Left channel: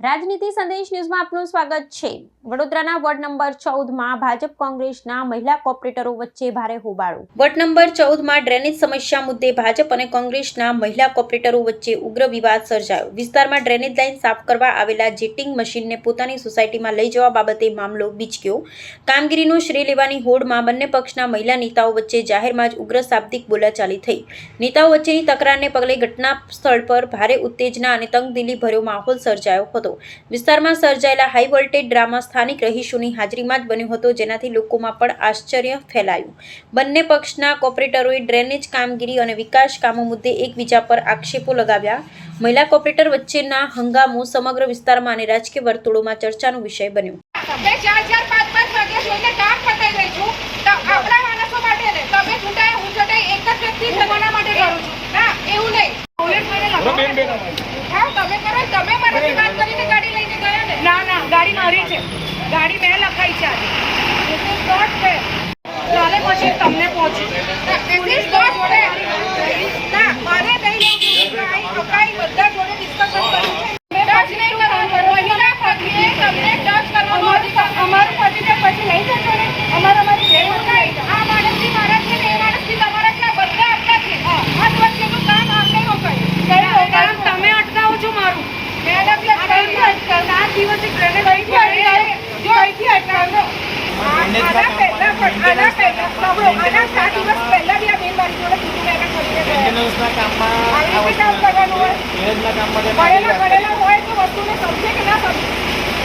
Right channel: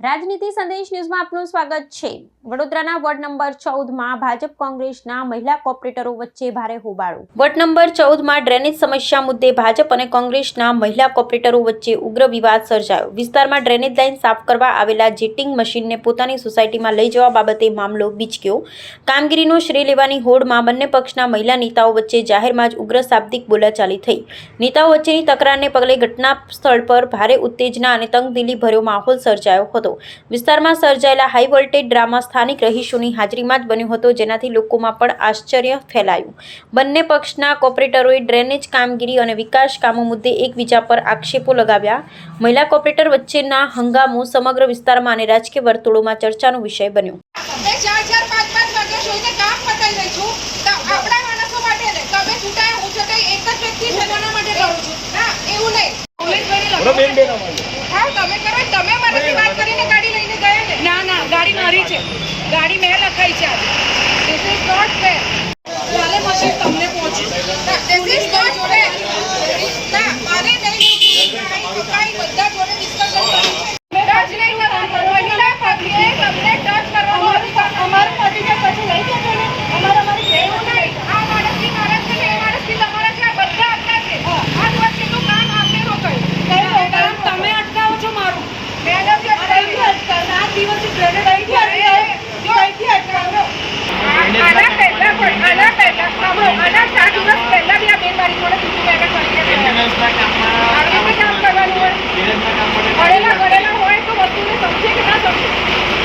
રાજનીતિ સંદેશ ન્યૂઝમાં આપનું સ્વાગત છે। વડોદરાના વોર્ડ નંબર 14માં ભાજપ કોંગ્રેસના મહિલા કોર્પોરેટરો વચ્ચે ભારે હોબાળો। વોર્ડ નંબર 14માં ડ્રેનેજ સમસ્યા મુદ્દે ભાજપ અને કોંગ્રેસના મહિલા કોર્પોરેટરો વચ્ચે ઉગ્ર વિવાદ સર્જાયો। વિસ્તારમાં ડ્રેનેજ લાઇન સાફ કરવા આવેલા જેટિંગ મશીનને પોતાની સોસાયટીમાં લઈ જવા બાબતે મામલો બીચક્યો। કામગીરીનો શ્રેય લેવાની હોડમાં બંને પક્ષના મહિલા નેતાઓ વચ્ચે જાહેરમાં જ ઉગ્ર શાબ્દિક બોલાચાલી થઈ। નેતાઓ વચ્ચેની તકરારને પગલે ઘટના સ્થળ પર ભારે ઉત્તેજના અને તંગદિલી ભર્યો માહોલ સર્જાયો હતો। વિસ્તારમાં સર્જાયેલા હાઈ વોલ્ટેજ ડ્રામા સ્થાનિક રહીશોની હાજરીમાં જ બન્યો હતો, જેનાથી લોકોમાં પણ આશ્ચર્ય ફેલાયું। બંને પક્ષના કોર્પોરેટરોએ ડ્રેનેજ કામગીરી અને વિકાસ કામો મુદ્દે એકબીજા પર આક્ષેપો લગાવ્યા। મહિલા કોર્પોરેટર વચ્ચેના હંગામો સમગ્ર વિસ્તારમાં અને રાજકીય વર્તુળોમાં ચર્ચાનો વિષય બન્યો। ગાડી મારી છે, ગાડી મેં લખાઈ છે આજે. This is not fair. ચાલે પછી તમને પહોંચી. This is not fair. ના, મારે નહીં અકાઈ બધા જોડે ડિસ્કશન કર્યું છે. ટચ નહીં કરવાનું. મહિલા પક્ષે તમને ટચ કરવાનો અધિકાર અમારો અધિકાર પછી નહીં થતો ને. અમારી એવું નહીં. આ માણસથી મારા છે ને એ માણસથી તમારા છે, આ બધા આપણા છે. આ વચ્ચેનું કામ આપણે રોકાય. કામ તમે અટકાવો છો મારું. મેડમ જે 7 દિવસથી પ્રેરણા જો અહીંથી અટકાવો આના પહેલા આના 7 દિવસ પહેલા બી આ બેન મારી જોડે બીજું મેડમ કામ કરવાનું હોય, પડેલા હોય તો વસ્તુને સમજે કે ના સમજે।